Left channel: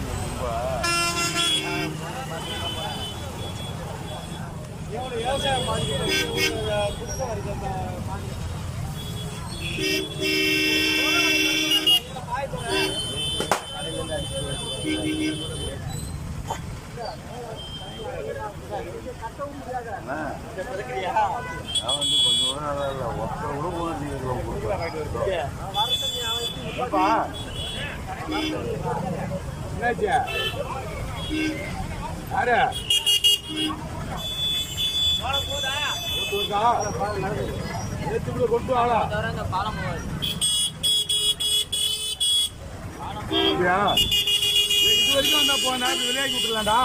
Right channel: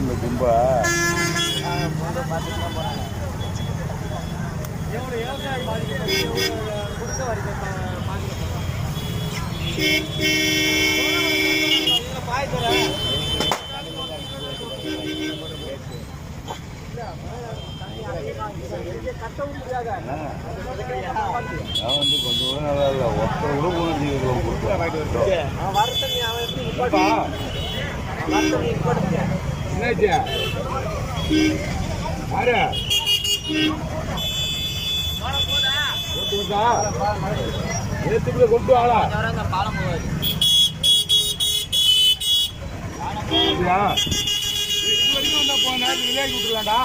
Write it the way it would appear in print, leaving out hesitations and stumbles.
இந்த கும்பா எவ்வளோ விவசாயம் பாதிக்கப்பட்டு குடிசை வரைக்கும் கட்டவும் முடியாத அவன் வந்து கொஞ்சம் கூட நல்லா இல்லை ஒருத்தர் கூட போன வர தண்ணி அவன் என்னாச்சு யாரு நேற்றுக்குள்ள கொண்டு ஆளா பாலம் போவாது இது வரைக்கும் வந்தா போன விளையாடி விட்டுலாம்டா